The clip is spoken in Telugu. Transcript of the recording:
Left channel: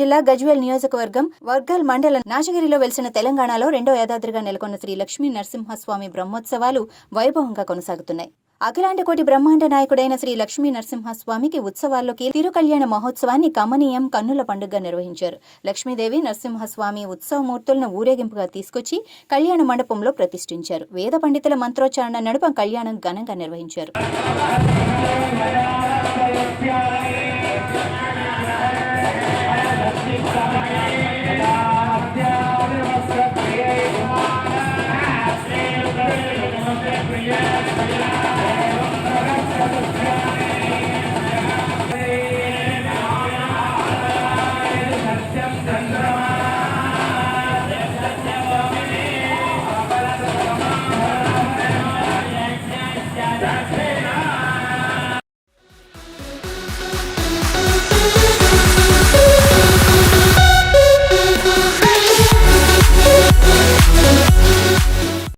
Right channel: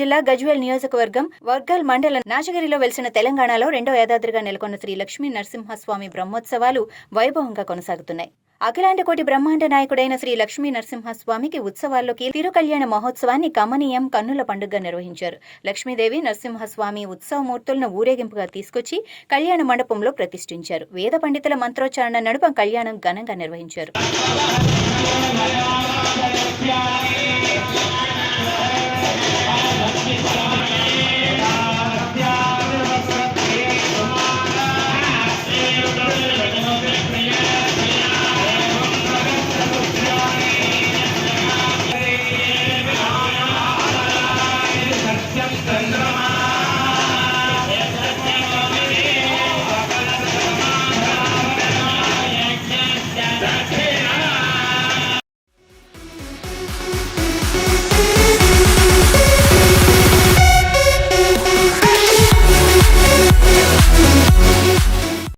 జిల్లా గజ్వేల్ నియోజకవర్గం వర్గల్ మండలం నాచగిరిలో వెలిసిన తెలంగాణలో రెండో యాదాద్రిగా నెలకొన్న శ్రీ లక్ష్మీ నరసింహస్వామి బ్రహ్మోత్సవాలు వైభవంగా కొనసాగుతున్నాయి. అఖిలాండ కోటి బ్రహ్మాండ నాయకుడైన శ్రీ లక్ష్మీ నరసింహస్వామికి ఉత్సవాల్లోకి తిరుకల్యాణ మహోత్సవాన్ని కమనీయం కన్నుల పండుగగా నిర్వహించారు. లక్ష్మీదేవి నరసింహస్వామి ఉత్సవమూర్తులను ఊరేగింపుగా తీసుకొచ్చి కళ్యాణ మండపంలో ప్రతిష్ఠించారు. వేద పండితుల మంత్రోచ్చారణ నడుమ కళ్యాణం ఘనంగా నిర్వహించారు.